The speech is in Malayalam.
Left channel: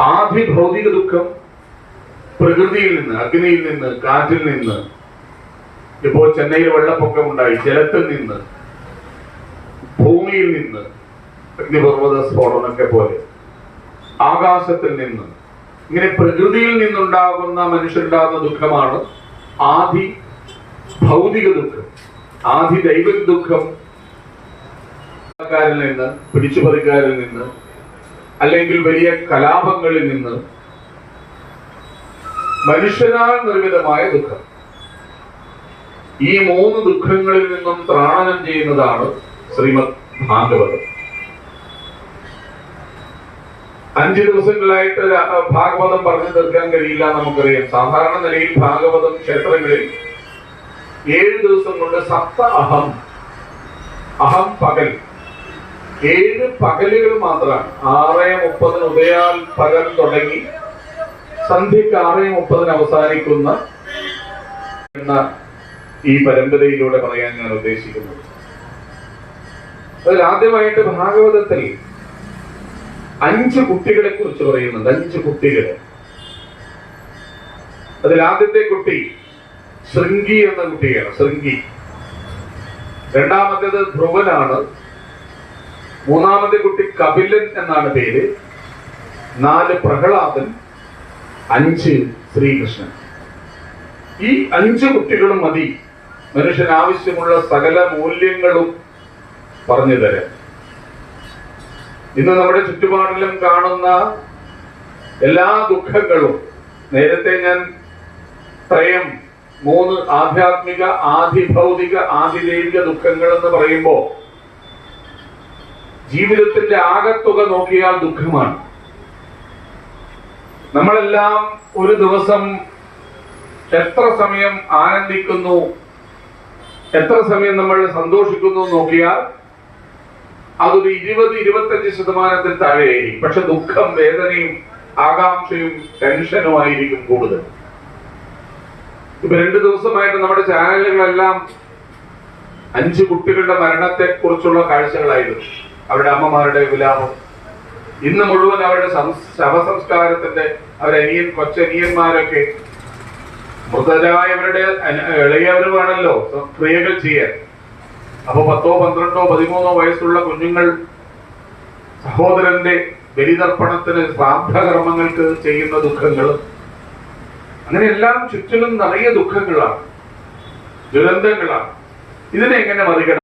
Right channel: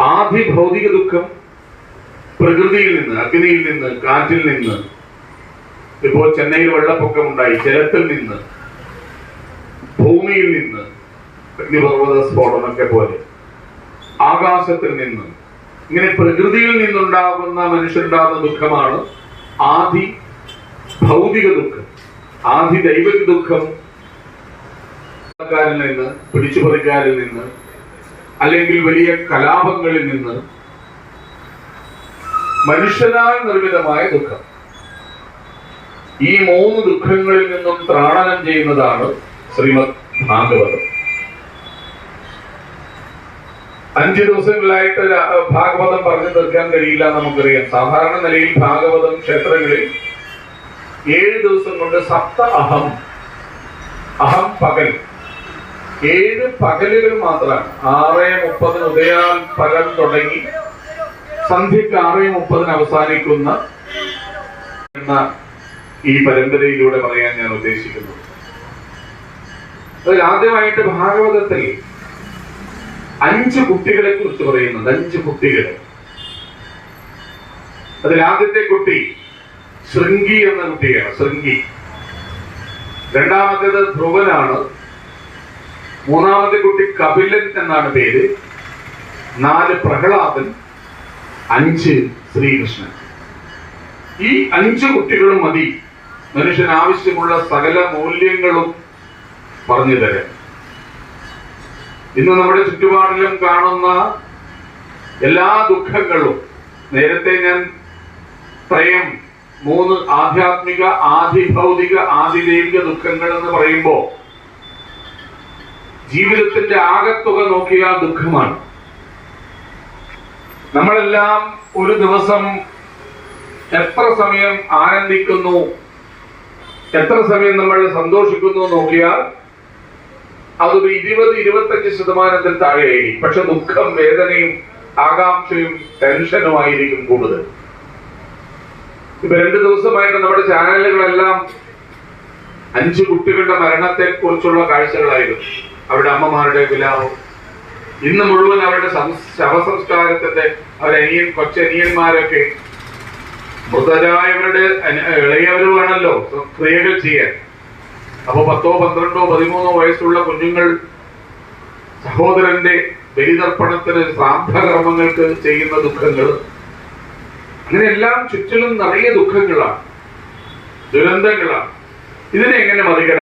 ആദി ഭൗതിക ദുഃഖം പ്രകൃതിയിൽ നിന്ന് അഗ്നിയിൽ നിന്ന് കാറ്റിൽ നിന്ന് ഇപ്പോൾ ചെന്നൈയിൽ വെള്ളപ്പൊക്കമുണ്ടായി ജലത്തിൽ നിന്ന് ഭൂമിയിൽ നിന്ന് അഗ്നിപർവത സ്ഫോടനമൊക്കെ പോലെ ആകാശത്തിൽ നിന്ന്. ഇങ്ങനെ പ്രകൃതിയിൽ നിന്നുണ്ടാകുന്ന മനുഷ്യരുണ്ടാകുന്ന ദുഃഖമാണ് ആദി ഭൗതിക ദുഃഖം. ആദി ദൈവിക ദുഃഖം. നിന്ന് പിടിച്ചുപറിക്കാരിൽ നിന്ന് അല്ലെങ്കിൽ വലിയ കലാപങ്ങളിൽ നിന്ന് മനുഷ്യനാൽ നിർമ്മിതമായ ദുഃഖം. ഈ മൂന്ന് ദുഃഖങ്ങളിൽ നിന്നും ത്രാണനം ചെയ്യുന്നതാണ് ശ്രീമദ് ഭാഗവതം. അഞ്ച് ദിവസങ്ങളിലായിട്ട് ഭാഗവതം പറഞ്ഞു തീർക്കാൻ കഴിയില്ല നമുക്കറിയാം. സാധാരണ നിലയിൽ ഭാഗവതം ക്ഷേത്രങ്ങളിൽ ഏഴ് ദിവസം കൊണ്ട് സപ്ത അഹം അഹം പകൽ ഏഴ് പകലുകൾ മാത്രമാണ് ആറ് മുപ്പതിന് ഉദയാൽ പകൽ തുടങ്ങി സന്ധ്യക്ക് ആറ് മുപ്പതിന് അവസാനിക്കുന്ന എന്ന ഈ പരമ്പരയിലൂടെ പറയാൻ ഞാൻ ഉദ്ദേശിക്കുന്നു. അതിൽ ആദ്യമായിട്ട് ഭാഗവതത്തിൽ അഞ്ച് കുട്ടികളെ കുറിച്ച് പറയുന്നുണ്ട്. അഞ്ച് കുട്ടികളെ. അതിൽ ആദ്യത്തെ കുട്ടി ശൃംഗി എന്ന കുട്ടിയാണ്. ശൃംഗി. രണ്ടാമത്തേത് ധ്രുവനാണ്. മൂന്നാമത്തെ കുട്ടി കപിലൻ എന്നാണ് പേര്. നാല് പ്രഹ്ലാദൻ അഞ്ച് ശ്രീകൃഷ്ണൻ. ഈ അഞ്ച് കുട്ടികളും മതി. മനുഷ്യന് ആവശ്യമുള്ള സകല മൂല്യങ്ങളും പറഞ്ഞു തരാൻ. ഇന്ന് നമ്മുടെ ചുറ്റുപാടിലും കാണുന്ന എല്ലാ ദുഃഖങ്ങളും നേരത്തെ ഞാൻ ത്രയം മൂന്ന് ആധ്യാത്മിക ആധിഭൗതിക ആധിദൈവിക ദുഃഖങ്ങൾ എന്ന് പറയുമ്പോൾ ജീവിതത്തിന്റെ ആകത്തുക നോക്കിയാൽ ദുഃഖമാണ്. നമ്മളെല്ലാം ഒരു ദിവസം എത്ര സമയം ആനന്ദിക്കുന്നു എത്ര സമയം നമ്മൾ സന്തോഷിക്കുന്നു നോക്കിയാൽ അതൊരു ഇരുപത് ഇരുപത്തഞ്ച് ശതമാനത്തിൽ താഴെയായിരിക്കും. പക്ഷെ ദുഃഖം വേദനയും ആകാംക്ഷയും ടെൻഷനുമായിരിക്കും കൂടുതൽ. ഇപ്പൊ രണ്ടു ദിവസമായിട്ട് നമ്മുടെ ചാനലുകളെല്ലാം അഞ്ചു കുട്ടികളുടെ മരണത്തെ കുറിച്ചുള്ള കാഴ്ചകളായിരുന്നു. അവരുടെ അമ്മമാരുടെ വിലാപം ഇന്ന് മുഴുവൻ അവരുടെ ശവസംസ്കാരത്തിന്റെ ശവസംസ്കാരത്തിന്റെ അവരനിയൻ കൊച്ചനിയന്മാരൊക്കെ മൃതരായവരുടെ ഇളയവരുമാണല്ലോ ക്രിയകൾ ചെയ്യാൻ. അപ്പൊ പത്തോ പന്ത്രണ്ടോ പതിമൂന്നോ വയസ്സുള്ള കുഞ്ഞുങ്ങൾ സഹോദരന്റെ ബലിതർപ്പണത്തിന് ശ്രാദ്ധകർമ്മങ്ങൾക്ക് ചെയ്യുന്ന ദുഃഖങ്ങൾ അങ്ങനെയെല്ലാം ചുറ്റിലും നിറയെ ദുഃഖങ്ങളാണ്. ദുരന്തങ്ങളാണ്. ഇതിനെ എങ്ങനെ മറികട?